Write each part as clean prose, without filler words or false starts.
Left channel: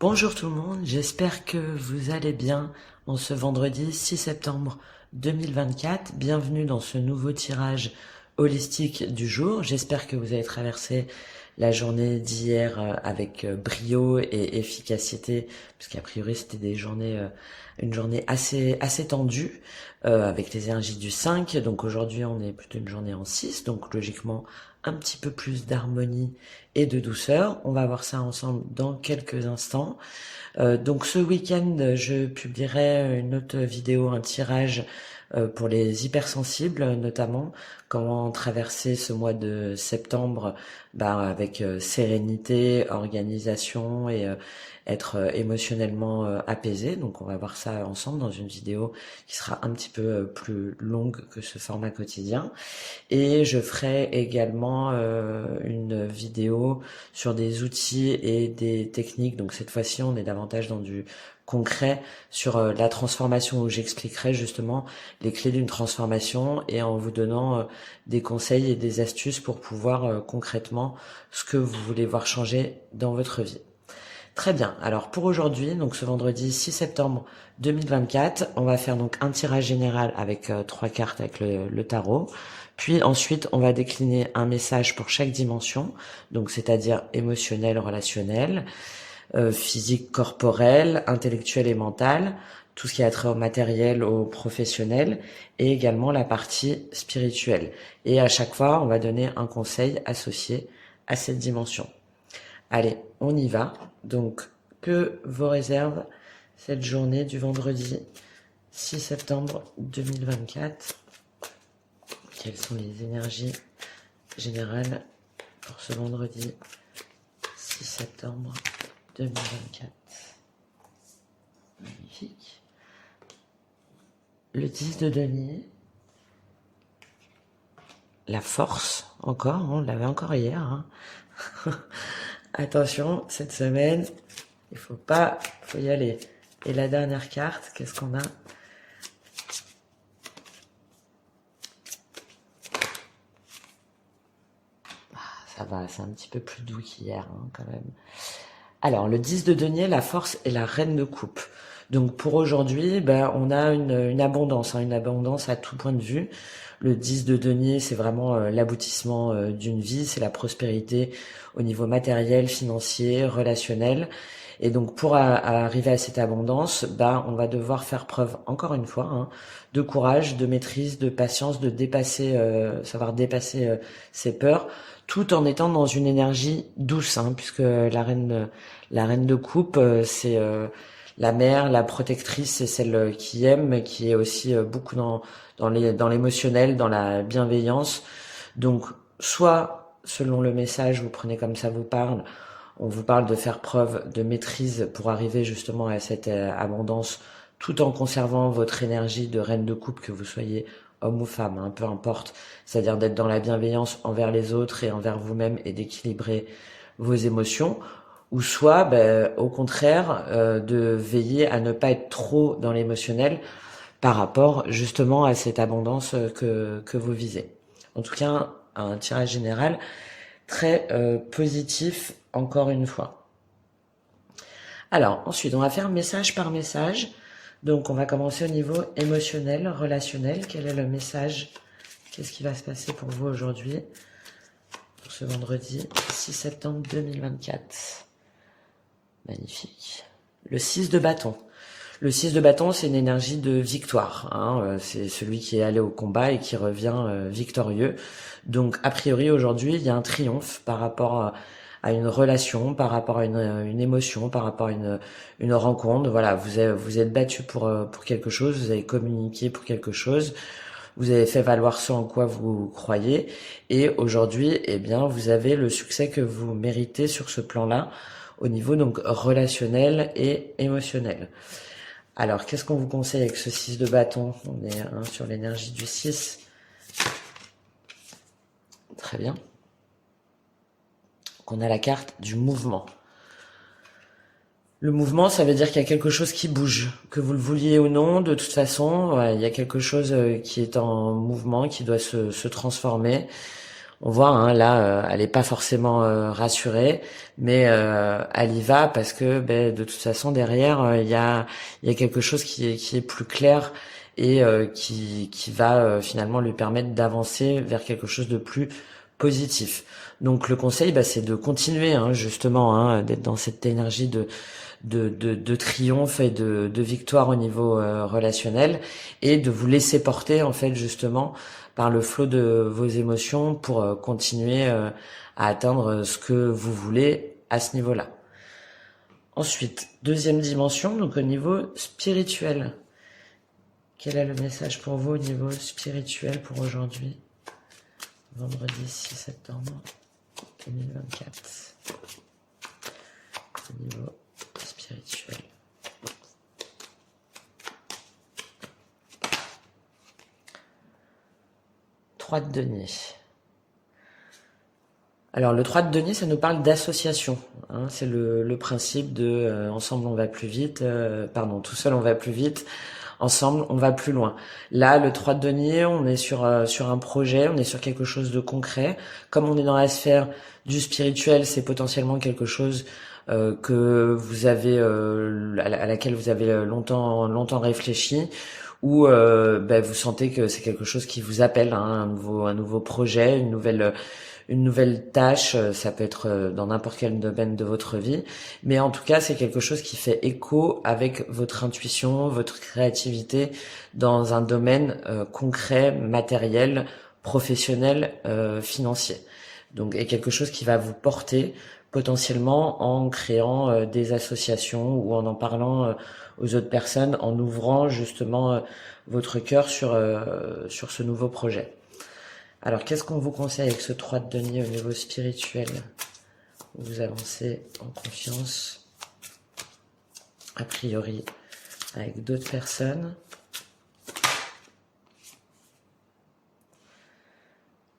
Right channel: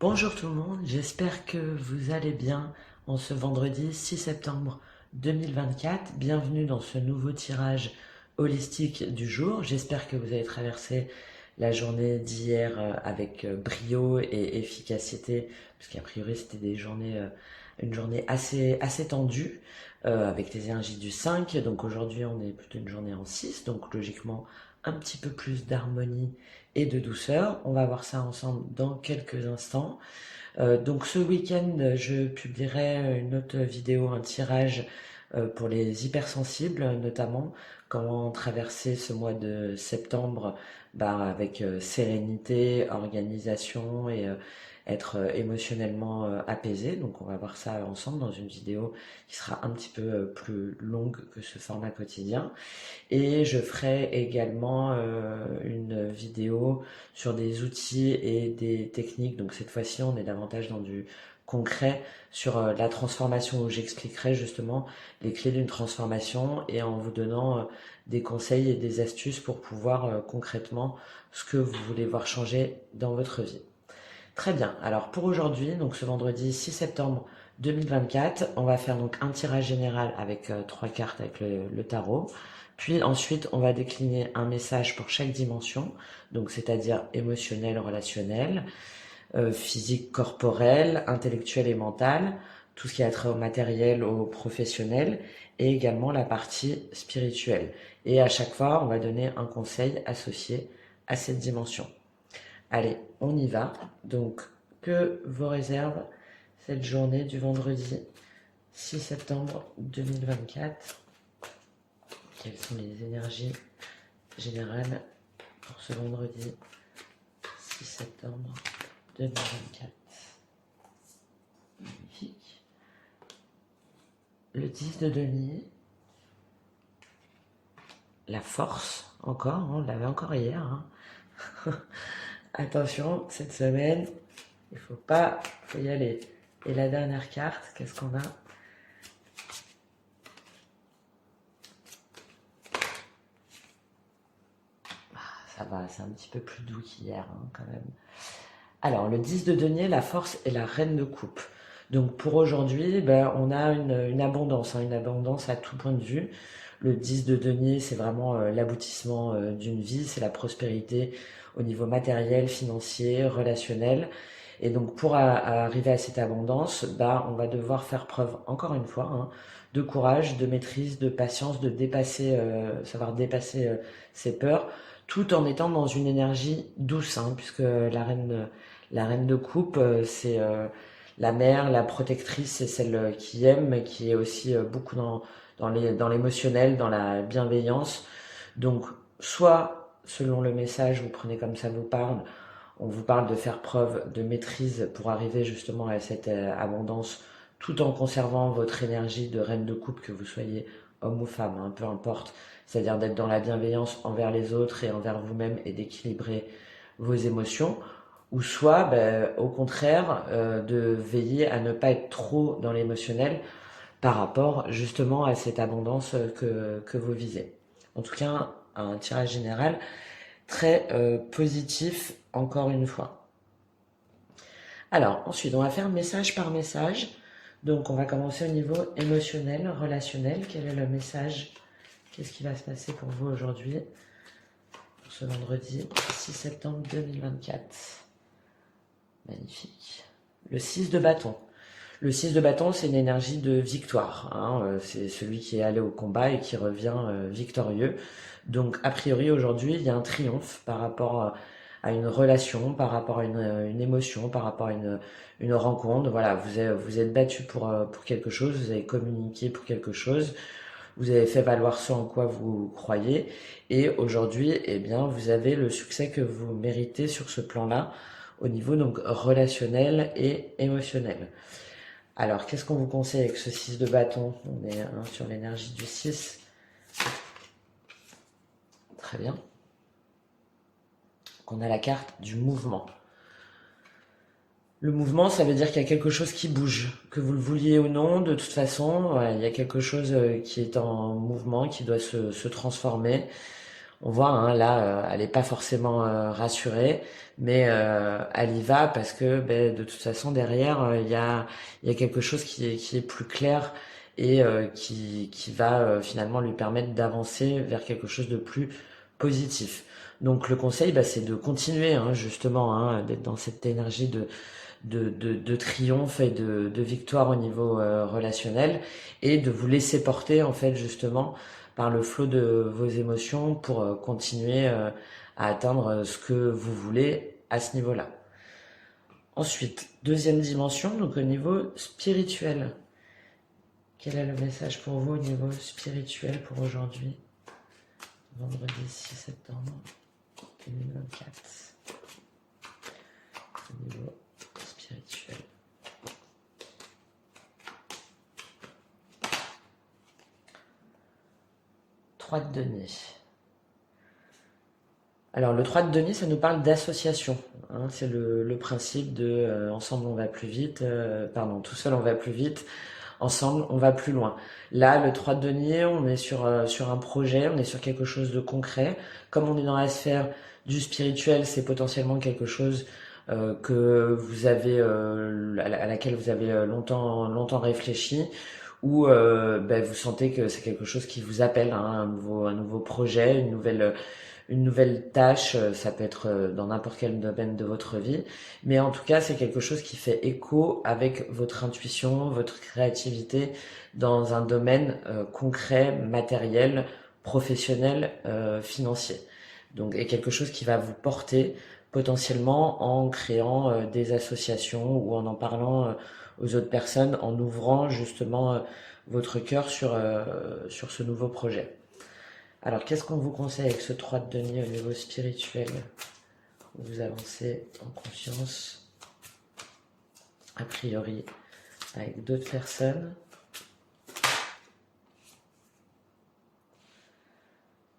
Bonjour tout le monde, j'espère que vous allez bien en ce vendredi 6 septembre 2024. Bienvenue dans ce nouveau tirage holistique du jour. J'espère que vous avez traversé la journée d'hier avec brio et efficacité, puisqu'a priori c'était une journée assez tendue avec les énergies du 5. Donc aujourd'hui on est plutôt une journée en 6, donc logiquement un petit peu plus d'harmonie et de douceur. On va voir ça ensemble dans quelques instants. Donc ce week-end, je publierai une autre vidéo, un tirage pour les hypersensibles, notamment comment traverser ce mois de septembre avec sérénité, organisation et être émotionnellement apaisé. Donc on va voir ça ensemble dans une vidéo qui sera un petit peu plus longue que ce format quotidien. Et je ferai également une vidéo sur des outils et des techniques. Donc cette fois-ci, on est davantage dans du concret sur la transformation où j'expliquerai justement les clés d'une transformation et en vous donnant des conseils et des astuces pour pouvoir concrètement ce que vous voulez voir changer dans votre vie. Très bien. Alors pour aujourd'hui, donc ce vendredi 6 septembre 2024, on va faire donc un tirage général avec trois cartes avec le tarot. Puis ensuite, on va décliner un message pour chaque dimension, donc c'est-à-dire émotionnel, relationnel, physique, corporel, intellectuel et mental, tout ce qui a trait au matériel, au professionnel, et également la partie spirituelle. Et à chaque fois, on va donner un conseil associé à cette dimension. Allez, on y va. Donc, que vous réserve cette journée du vendredi 6 septembre 2024? Quelles sont les énergies générales pour ce vendredi 6 septembre 2024? Magnifique. Le 10 de denier. La force, encore, on l'avait encore hier. Attention, cette semaine, il faut y aller. Et la dernière carte, qu'est-ce qu'on a? Ça va, c'est un petit peu plus doux qu'hier, quand même. Alors, le 10 de denier, la force et la reine de coupe. Donc, pour aujourd'hui, on a une abondance, une abondance à tout point de vue. Le 10 de denier, c'est vraiment l'aboutissement d'une vie, c'est la prospérité au niveau matériel, financier, relationnel. Et donc, pour arriver à cette abondance, on va devoir faire preuve, encore une fois, de courage, de maîtrise, de patience, de dépasser, savoir dépasser ses peurs, tout en étant dans une énergie douce, puisque la reine de coupe, c'est la mère, la protectrice, c'est celle qui aime, mais qui est aussi beaucoup dans l'émotionnel, dans la bienveillance. Donc, soit, selon le message, vous prenez comme ça vous parle, on vous parle de faire preuve de maîtrise pour arriver justement à cette abondance, tout en conservant votre énergie de reine de coupe, que vous soyez homme ou femme, peu importe. C'est-à-dire d'être dans la bienveillance envers les autres et envers vous-même et d'équilibrer vos émotions. Ou soit, au contraire, de veiller à ne pas être trop dans l'émotionnel par rapport justement à cette abondance que vous visez. En tout cas, un tirage général très positif, encore une fois. Alors, ensuite, on va faire message par message. Donc, on va commencer au niveau émotionnel, relationnel. Quel est le message? Qu'est-ce qui va se passer pour vous aujourd'hui, pour ce vendredi 6 septembre 2024? Magnifique. Le 6 de bâton. Le 6 de bâton, c'est une énergie de victoire. C'est celui qui est allé au combat et qui revient victorieux. Donc, a priori, aujourd'hui, il y a un triomphe par rapport à une relation, par rapport à une émotion, par rapport à une rencontre. Voilà, vous êtes battu pour quelque chose, vous avez communiqué pour quelque chose, vous avez fait valoir ce en quoi vous croyez. Et aujourd'hui, eh bien, vous avez le succès que vous méritez sur ce plan-là, au niveau donc relationnel et émotionnel. Alors, qu'est-ce qu'on vous conseille avec ce 6 de bâton? On est sur l'énergie du 6. Très bien. On a la carte du mouvement. Le mouvement, ça veut dire qu'il y a quelque chose qui bouge. Que vous le vouliez ou non, de toute façon, il y a quelque chose qui est en mouvement, qui doit se transformer. On voit, hein, là, elle n'est pas forcément rassurée, mais elle y va parce que ben, de toute façon, derrière, il y a quelque chose qui est plus clair et qui va finalement lui permettre d'avancer vers quelque chose de plus positif. Donc le conseil, bah, c'est de continuer, hein, justement, hein, d'être dans cette énergie de triomphe et de victoire au niveau relationnel et de vous laisser porter en fait justement par le flot de vos émotions pour continuer à atteindre ce que vous voulez à ce niveau-là. Ensuite, deuxième dimension, donc au niveau spirituel. Quel est le message pour vous au niveau spirituel pour aujourd'hui, vendredi 6 septembre 2024, au niveau spirituel? Trois de denier. Alors le 3 de denier, ça nous parle d'association, hein, c'est le principe de ensemble on va plus vite, pardon, tout seul on va plus vite, ensemble on va plus loin. Là, le 3 de denier, on est sur un projet, on est sur quelque chose de concret. Comme on est dans la sphère du spirituel, c'est potentiellement quelque chose que vous avez, à laquelle vous avez longtemps réfléchi, ou ben, vous sentez que c'est quelque chose qui vous appelle, hein, un nouveau projet, une nouvelle tâche, ça peut être dans n'importe quel domaine de votre vie, mais en tout cas, c'est quelque chose qui fait écho avec votre intuition, votre créativité dans un domaine concret, matériel, professionnel, financier. Donc, et quelque chose qui va vous porter potentiellement en créant des associations ou en parlant aux autres personnes, en ouvrant justement votre cœur sur ce nouveau projet. Alors, qu'est-ce qu'on vous conseille avec ce 3 de denier au niveau spirituel? Vous avancez en confiance, a priori, avec d'autres personnes.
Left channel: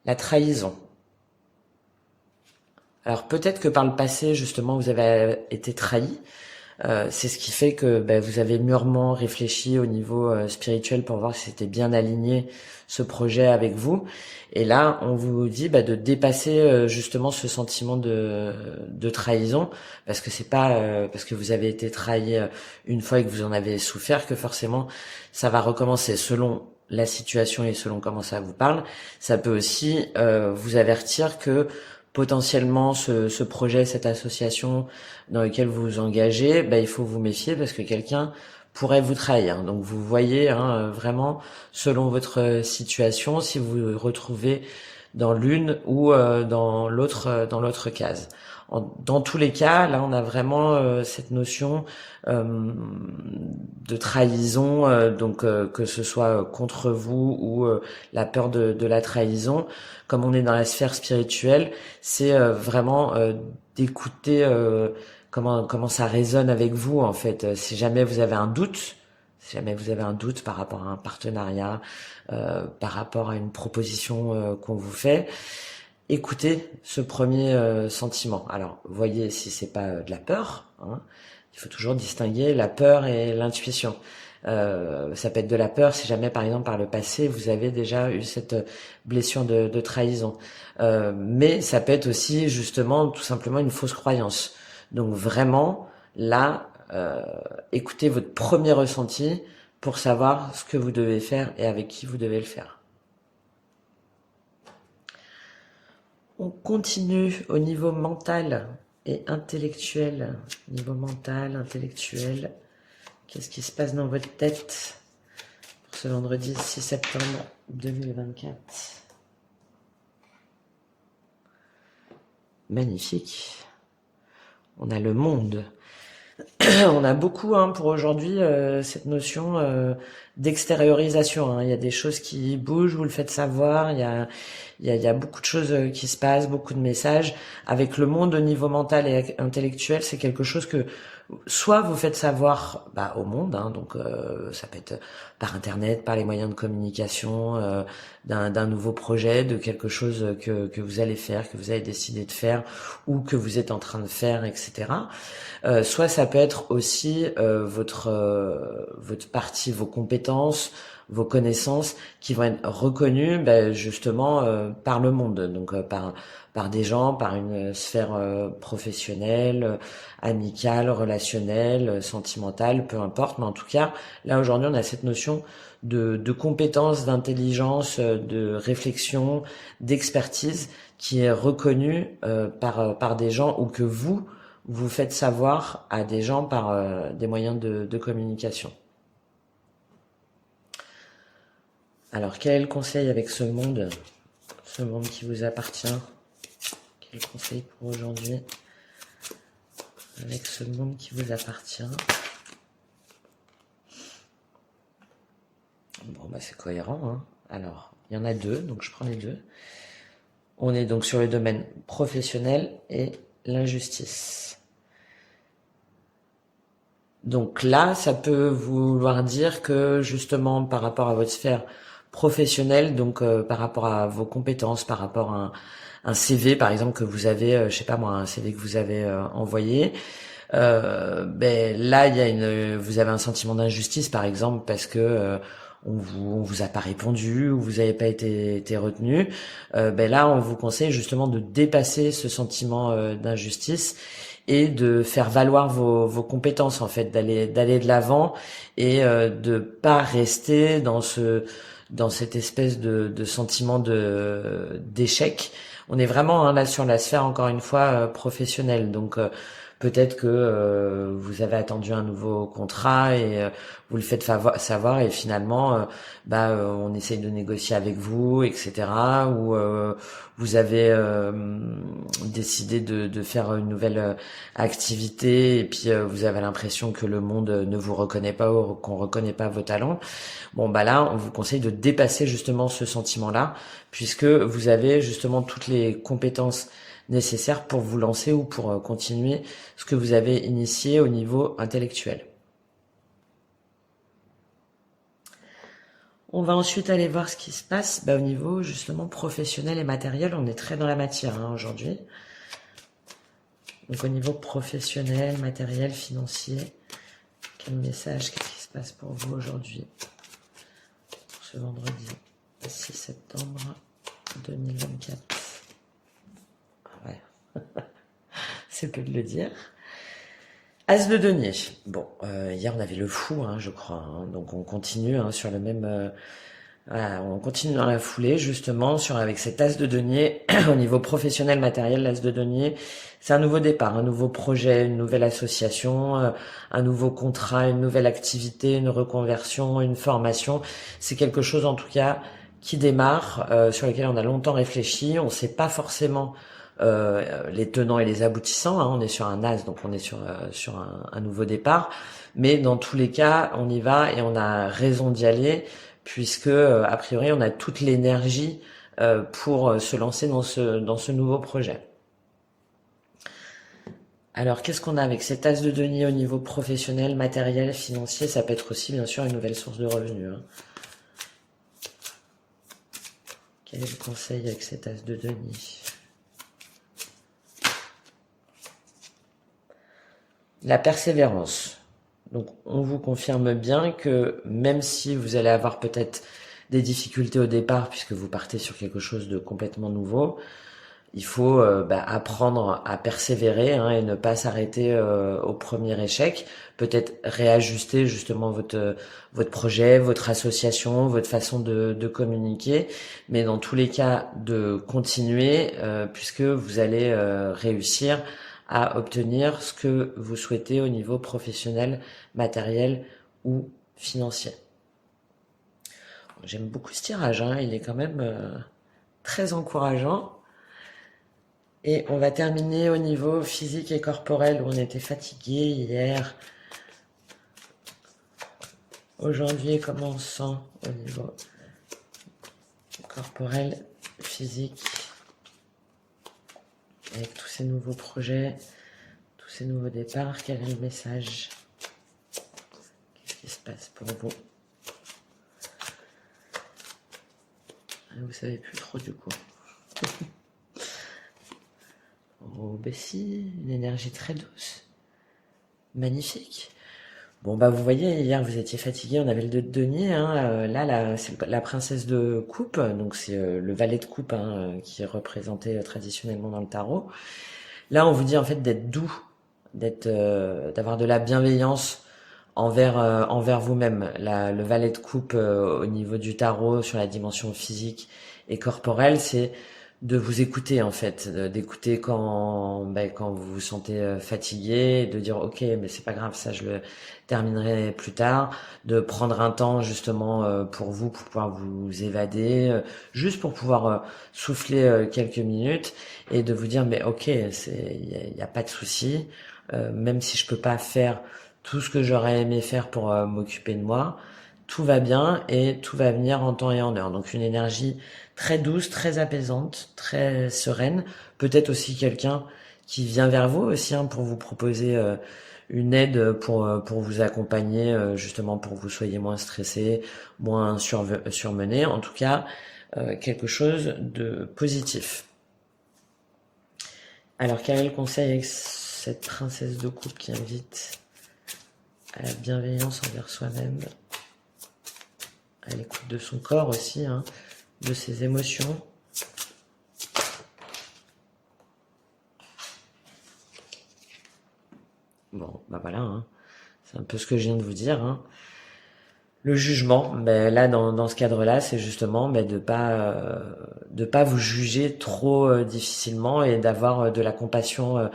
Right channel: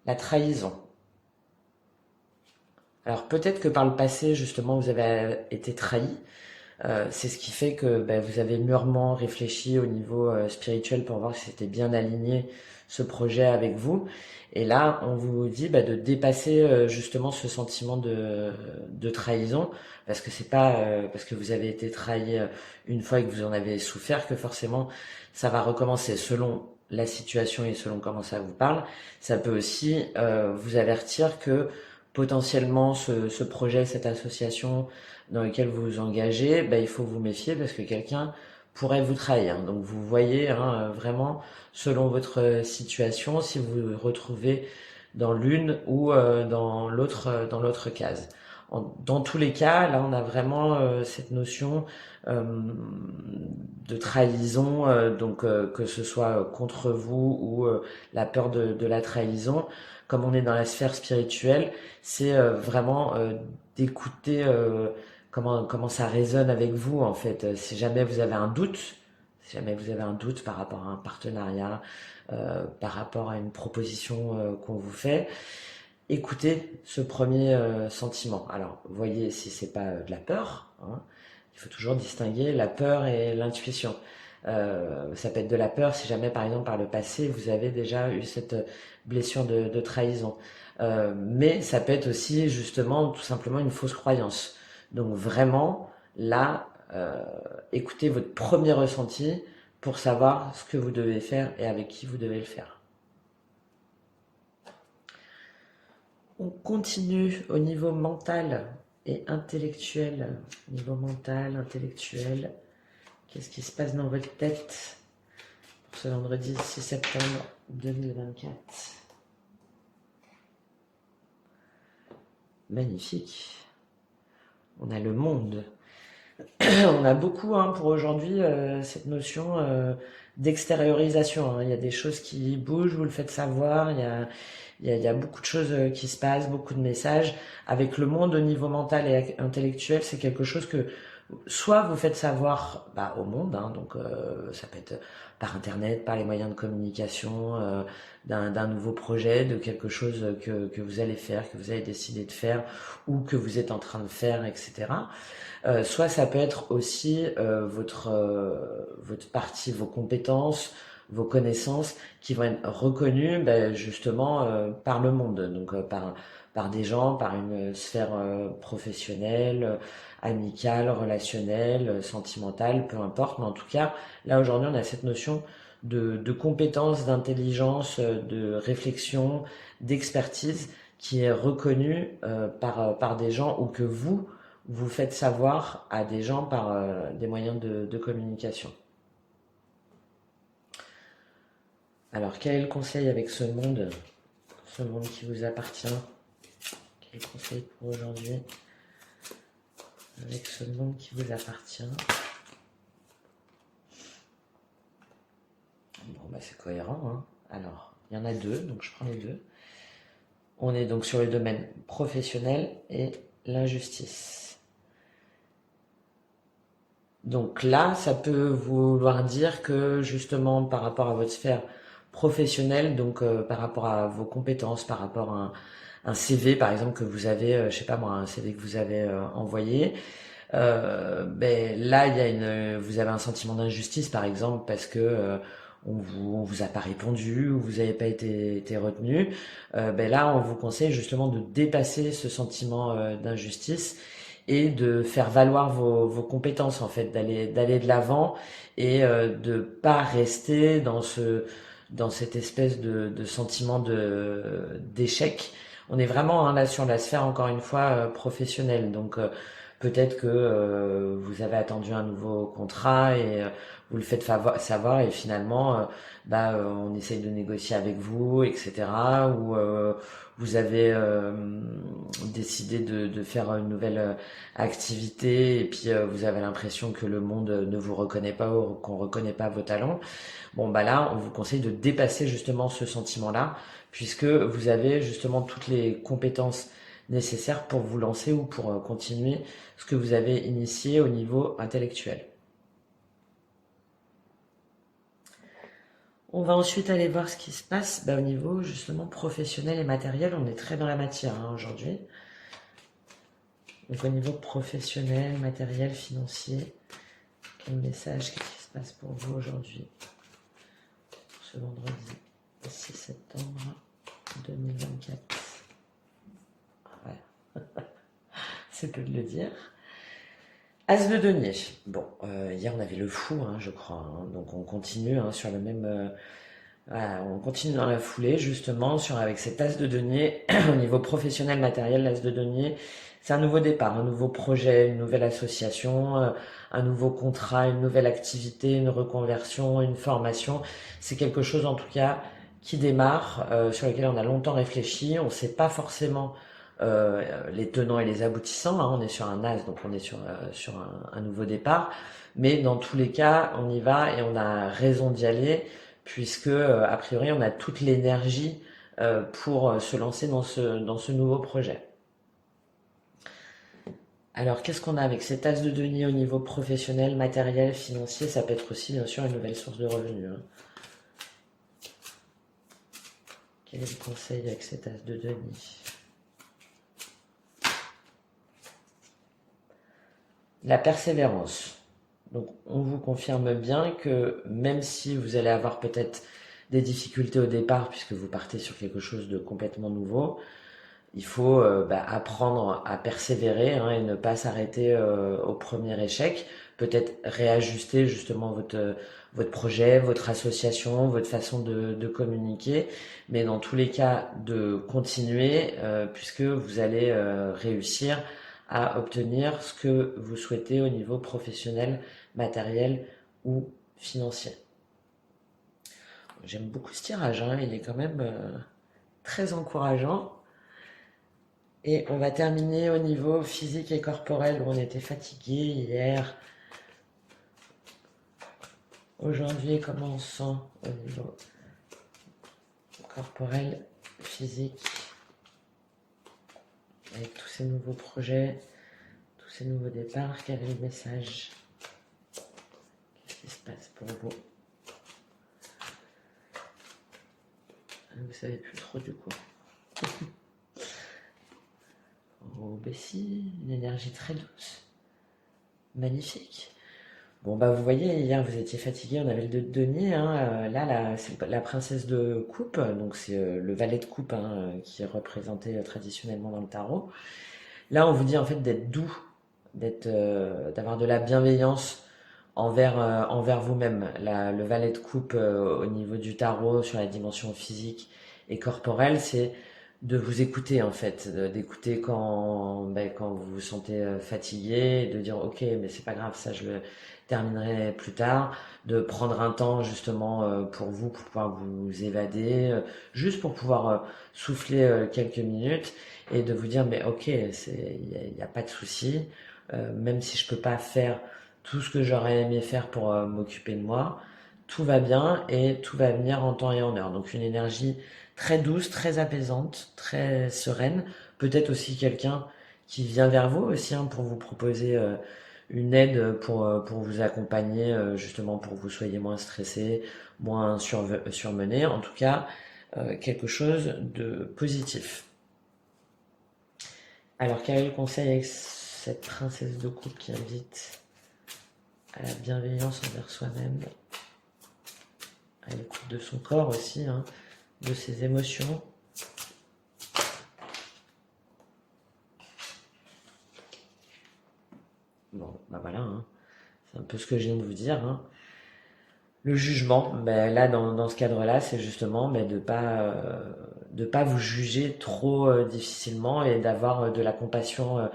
La trahison. Alors, peut-être que par le passé, justement, vous avez été trahi. C'est ce qui fait que vous avez mûrement réfléchi au niveau spirituel pour voir si c'était bien aligné ce projet avec vous. Et là, on vous dit de dépasser justement ce sentiment de trahison, parce que c'est pas parce que vous avez été trahi une fois et que vous en avez souffert que forcément ça va recommencer selon la situation et selon comment ça vous parle. Ça peut aussi vous avertir que potentiellement ce projet, cette association dans lequel vous vous engagez, il faut vous méfier parce que quelqu'un pourrait vous trahir. Donc vous voyez, hein, vraiment selon votre situation si vous vous retrouvez dans l'une ou dans l'autre case. Dans tous les cas, là on a vraiment cette notion de trahison, donc que ce soit contre vous ou la peur de la trahison. Comme on est dans la sphère spirituelle, c'est vraiment d'écouter comment ça résonne avec vous en fait. Si jamais vous avez un doute, si jamais vous avez un doute par rapport à un partenariat, par rapport à une proposition qu'on vous fait, écoutez ce premier sentiment. Alors, voyez si c'est pas de la peur, hein. Il faut toujours distinguer la peur et l'intuition. Ça peut être de la peur si jamais, par exemple, par le passé, vous avez déjà eu cette blessure de trahison. Mais ça peut être aussi, justement, tout simplement une fausse croyance. Donc, vraiment, là, écoutez votre premier ressenti pour savoir ce que vous devez faire et avec qui vous devez le faire. On continue au niveau mental et intellectuel. Niveau mental, intellectuel, qu'est-ce qui se passe dans votre tête pour ce vendredi 6 septembre 2024? Magnifique. On a le monde. On a beaucoup pour aujourd'hui cette notion d'extériorisation, hein. Il y a des choses qui bougent, vous le faites savoir, il y a beaucoup de choses qui se passent, beaucoup de messages. Avec le monde au niveau mental et intellectuel, c'est quelque chose que soit vous faites savoir au monde, hein, donc ça peut être par internet, par les moyens de communication, d'un nouveau projet, de quelque chose que vous allez faire, que vous avez décidé de faire ou que vous êtes en train de faire, etc. Soit ça peut être aussi votre partie, vos compétences, vos connaissances qui vont être reconnues ben, justement par le monde, donc par des gens, par une sphère professionnelle, amicale, relationnelle, sentimentale, peu importe. Mais en tout cas, là aujourd'hui, on a cette notion de compétence, d'intelligence, de réflexion, d'expertise qui est reconnue par des gens ou que vous faites savoir à des gens par des moyens de communication. Alors, quel est le conseil avec ce monde qui vous appartient? Quel est le conseil pour aujourd'hui avec ce monde qui vous appartient? Bon, bah c'est cohérent, hein. Alors, il y en a deux, donc je prends les deux. On est donc sur le domaine professionnel et l'injustice. Donc là, ça peut vouloir dire que justement par rapport à votre sphère professionnelle, donc par rapport à vos compétences, par rapport à un CV par exemple que vous avez, je sais pas moi, un CV que vous avez envoyé, ben là vous avez un sentiment d'injustice par exemple parce que on vous a pas répondu ou vous n'avez pas été retenu. Ben là, on vous conseille justement de dépasser ce sentiment d'injustice et de faire valoir vos compétences en fait, d'aller de l'avant et de pas rester dans cette espèce de sentiment d'échec. On est vraiment hein, là sur la sphère encore une fois professionnelle, donc peut-être que vous avez attendu un nouveau contrat et vous le faites savoir et finalement on essaye de négocier avec vous, etc. Ou vous avez décidé de faire une nouvelle activité et puis vous avez l'impression que le monde ne vous reconnaît pas ou qu'on reconnaît pas vos talents. Bon bah là, on vous conseille de dépasser justement ce sentiment-là puisque vous avez justement toutes les compétences nécessaires pour vous lancer ou pour continuer ce que vous avez initié au niveau intellectuel. On va ensuite aller voir ce qui se passe au niveau justement professionnel et matériel. On est très dans la matière hein, aujourd'hui. Donc au niveau professionnel, matériel, financier, quel message, qu'est-ce qui se passe pour vous aujourd'hui? Ce vendredi 6 septembre 2024. Ouais, c'est peu de le dire. As de denier. Bon, hier on avait le fou, hein, je crois. Hein, donc on continue hein, sur le même. Voilà, on continue dans la foulée justement avec cet as de denier au niveau professionnel matériel. L'as de denier, c'est un nouveau départ, un nouveau projet, une nouvelle association, un nouveau contrat, une nouvelle activité, une reconversion, une formation. C'est quelque chose en tout cas qui démarre, sur lequel on a longtemps réfléchi. On ne sait pas forcément les tenants et les aboutissants. Hein. On est sur un as, donc on est sur un nouveau départ. Mais dans tous les cas, on y va et on a raison d'y aller puisque a priori on a toute l'énergie pour se lancer dans ce nouveau projet. Alors qu'est-ce qu'on a avec cet as de denier au niveau professionnel, matériel, financier? Ça peut être aussi bien sûr une nouvelle source de revenus. Hein. Quel est le conseil avec cet as de denier? La persévérance. Donc on vous confirme bien que même si vous allez avoir peut-être des difficultés au départ puisque vous partez sur quelque chose de complètement nouveau, il faut apprendre à persévérer hein, et ne pas s'arrêter au premier échec. Peut-être réajuster justement votre projet, votre association, votre façon de communiquer. Mais dans tous les cas, de continuer puisque vous allez réussir à obtenir ce que vous souhaitez au niveau professionnel, matériel ou financier. J'aime beaucoup ce tirage, hein, il est quand même très encourageant. Et on va terminer au niveau physique et corporel où on était fatigué hier. Aujourd'hui, comment on se sent au niveau corporel, physique, avec tous ces nouveaux projets, tous ces nouveaux départs, quel est le message? Qu'est-ce qui se passe pour vous? Vous savez plus trop du coup. Au Bessie, une énergie très douce, magnifique. Bon, bah, vous voyez, hier, vous étiez fatigué, on avait le 2 de denier, hein, là, c'est la princesse de coupe, donc c'est le valet de coupe, hein, qui est représenté traditionnellement dans le tarot. Là, on vous dit en fait d'être doux, d'avoir de la bienveillance envers vous-même. Le valet de coupe au niveau du tarot sur la dimension physique et corporelle, c'est de vous écouter en fait, d'écouter quand vous vous sentez fatigué, de dire ok mais c'est pas grave, ça je le terminerai plus tard, de prendre un temps justement pour vous, pour pouvoir vous évader, juste pour pouvoir souffler quelques minutes et de vous dire mais ok, y a pas de souci, même si je peux pas faire tout ce que j'aurais aimé faire pour m'occuper de moi, tout va bien et tout va venir en temps et en heure. Donc une énergie très douce, très apaisante, très sereine. Peut-être aussi quelqu'un qui vient vers vous aussi, hein, pour vous proposer une aide pour vous accompagner, justement pour que vous soyez moins stressé, moins surmené. En tout cas, quelque chose de positif. Alors, quel est le conseil avec cette princesse de coupe qui invite à la bienveillance envers soi-même, à l'écoute de son corps aussi, hein, de ses émotions? Bon, bah voilà, hein. C'est un peu ce que je viens de vous dire, hein. Le jugement, ben là dans ce cadre-là, c'est justement de pas vous juger trop difficilement et d'avoir de la compassion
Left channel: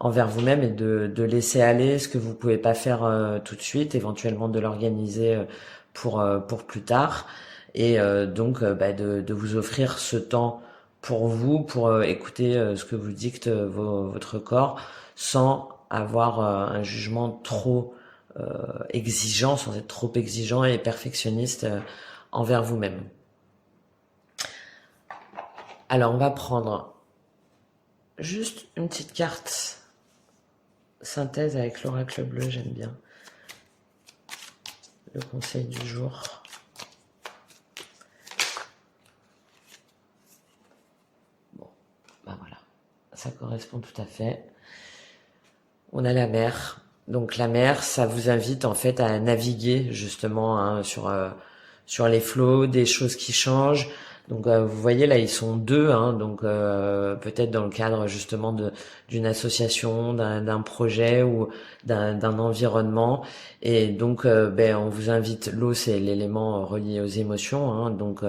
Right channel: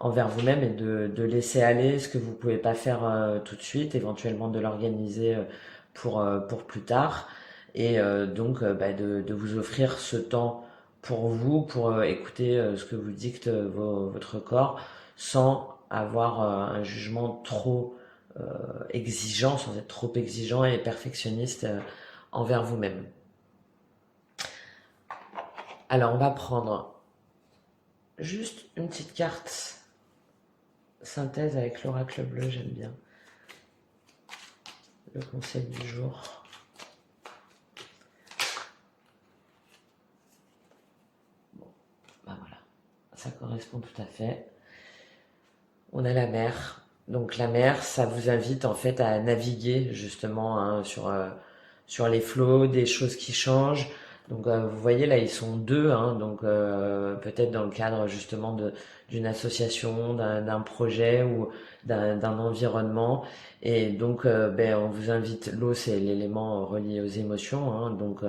envers vous-même et de laisser aller ce que vous pouvez pas faire tout de suite, éventuellement de l'organiser pour plus tard et donc bah, de vous offrir ce temps pour vous, pour écouter ce que vous dicte votre corps sans avoir un jugement trop exigeant, sans être trop exigeant et perfectionniste envers vous-même. Alors on va prendre juste une petite carte synthèse avec l'oracle bleu, j'aime bien. Le conseil du jour. Bon, ben voilà, ça correspond tout à fait. On a la mer. Donc la mer, ça vous invite en fait à naviguer justement, hein, sur les flots, des choses qui changent. Donc vous voyez là, ils sont deux, hein, donc peut-être dans le cadre justement d'une association, d'un projet ou d'un environnement. Et donc ben, on vous invite, l'eau c'est l'élément relié aux émotions, hein, donc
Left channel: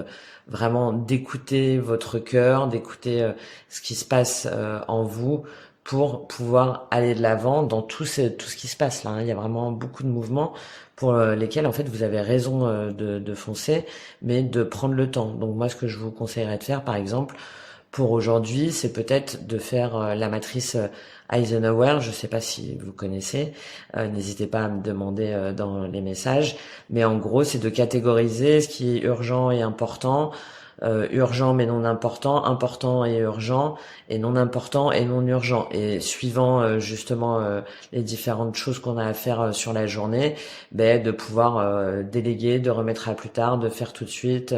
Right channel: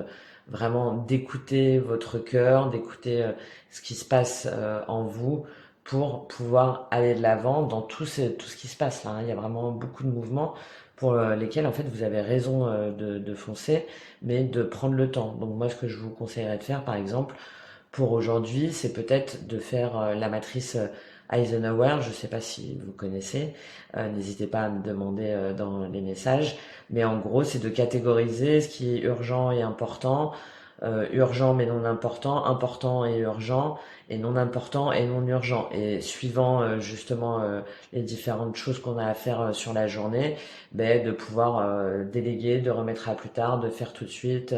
vraiment d'écouter votre cœur, d'écouter ce qui se passe en vous pour pouvoir aller de l'avant dans tout ce qui se passe là, hein. Il y a vraiment beaucoup de mouvements pour lesquels en fait vous avez raison de foncer, mais de prendre le temps. Donc moi ce que je vous conseillerais de faire par exemple pour aujourd'hui, c'est peut-être de faire la matrice Eisenhower, je ne sais pas si vous connaissez, n'hésitez pas à me demander dans les messages, mais en gros c'est de catégoriser ce qui est urgent et important, urgent mais non important, important et urgent, et non important et non urgent. Et suivant justement les différentes choses qu'on a à faire sur la journée, ben, de pouvoir déléguer, de remettre à plus tard, de faire tout de suite.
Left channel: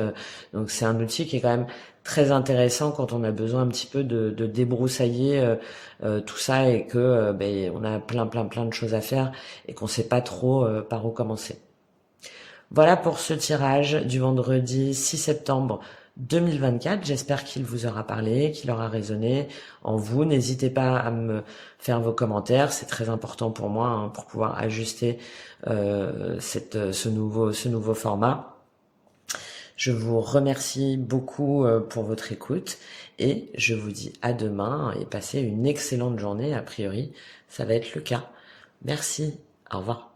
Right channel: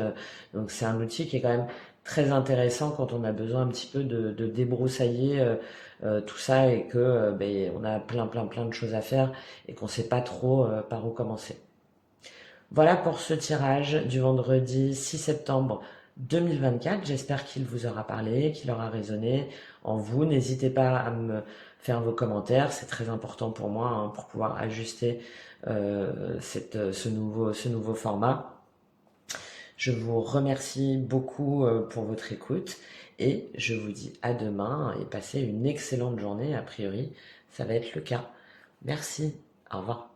Donc c'est un outil qui est quand même très intéressant quand on a besoin un petit peu de débroussailler tout ça et que ben, on a plein de choses à faire et qu'on sait pas trop par où commencer. Voilà pour ce tirage du vendredi 6 septembre 2024. J'espère qu'il vous aura parlé, qu'il aura résonné en vous. N'hésitez pas à me faire vos commentaires, c'est très important pour moi, hein, pour pouvoir ajuster ce nouveau format. Je vous remercie beaucoup pour votre écoute et je vous dis à demain et passez une excellente journée. A priori, ça va être le cas. Merci. Au revoir.